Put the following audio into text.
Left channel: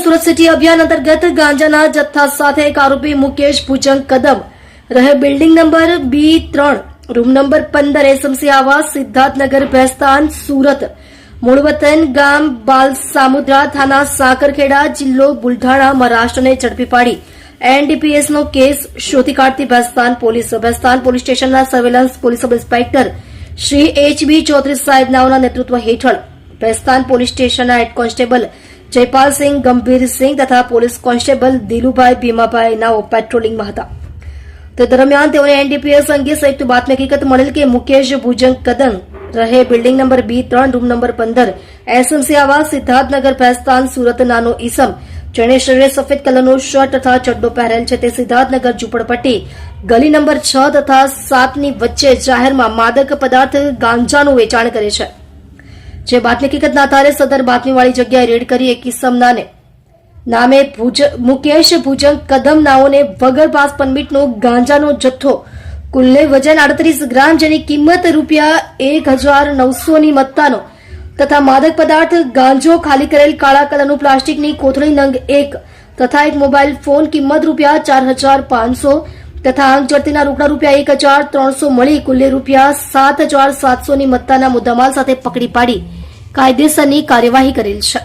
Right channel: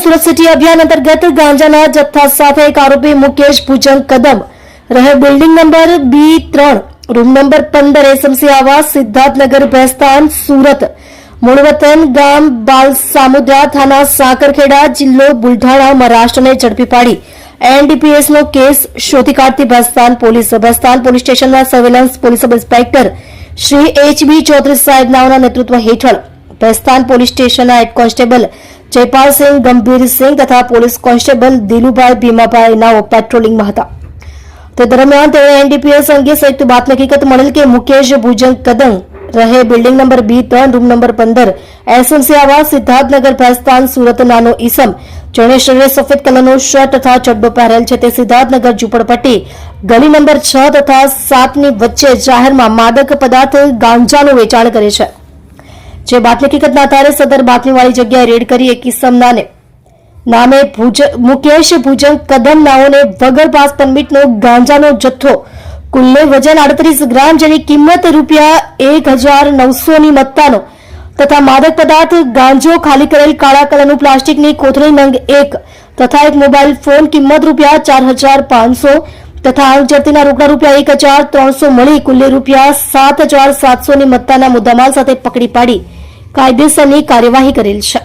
Mission Surat city અભિયાન અંતર્ગત ગાંજાના જથ્થા સાથે એક આરોપી મુકેશ ભુજંગ કદમ રહે building number B3 room number 15 SMC આવાસ સિદ્ધાર્થનગર ભેસ્તાન સુરત મૂળ વતન ગામ બાલસામુદ્રા થાના સાકરખેડા જિલ્લો બુલઢાણા મહારાષ્ટ્રને ઝડપી પાડી એનડીપીએસનો કેસ શોધી કાઢતી ભેસ્તાન પોલીસ સ્ટેશનના surveillance police sub inspector Shri HB Chaudhary saheb નાઓના નેતૃત્વ હેઠળ ભેસ્તાન પોલીસ સ્ટેશનના હેડ કોન્સ્ટેબલ જયપાલસિંહ ગંભીરસિંહ તથા પોલીસ કોન્સ્ટેબલ દિલુભાઈ ભીમાભાઈ નાઓ પેટ્રોલિંગમાં હતા. તે દરમિયાન તેઓએ એનડીપીએસ અંગે સંયુક્ત બાતમી હકીકત મળેલ કે મુકેશ ભુજંગ કદમ રહે building number B3 room number 15 SMC આવાસ સિદ્ધાર્થનગર ભેસ્તાન સુરત નાનો ઈસમ જેણે શરીરે સફેદ કલરનો શર્ટ તથા ચડ્ડો પહેરેલ છે તે સિદ્ધાર્થનગર ઝુંપડપટ્ટી ગલી નંબર 6 તથા 7 ની વચ્ચે જાહેરમાં માદક પદાર્થ ગાંજાનું વેચાણ કરે છે. જે બાતમી હકીકતના આધારે સદર બાતમીવાળી જગ્યાએ રેડ કરી એક ઈસમના નામે મુકેશ ભુજંગ કદમ નાઓને વગર પાસ પરમિટનો ગાંજાનો જથ્થો કુલ્લે વજન 38 ગ્રામ જેની કિંમત ₹1,900 ની મત્તાનો તથા માદક પદાર્થ ગાંજો ખાલી કરેલ કાળા કલરનું પ્લાસ્ટિકની કોથળી નંગ 1 તથા એક મોબાઈલ ફોન કિંમત ₹4,500 તથા આંખ જડતીના રોકડા ₹1,300 મળી કુલ્લે ₹7,700 ની મત્તાના મુદ્દામાલ સાથે પકડી પાડી કાયદેસરની કાર્યવાહી કરેલ છે.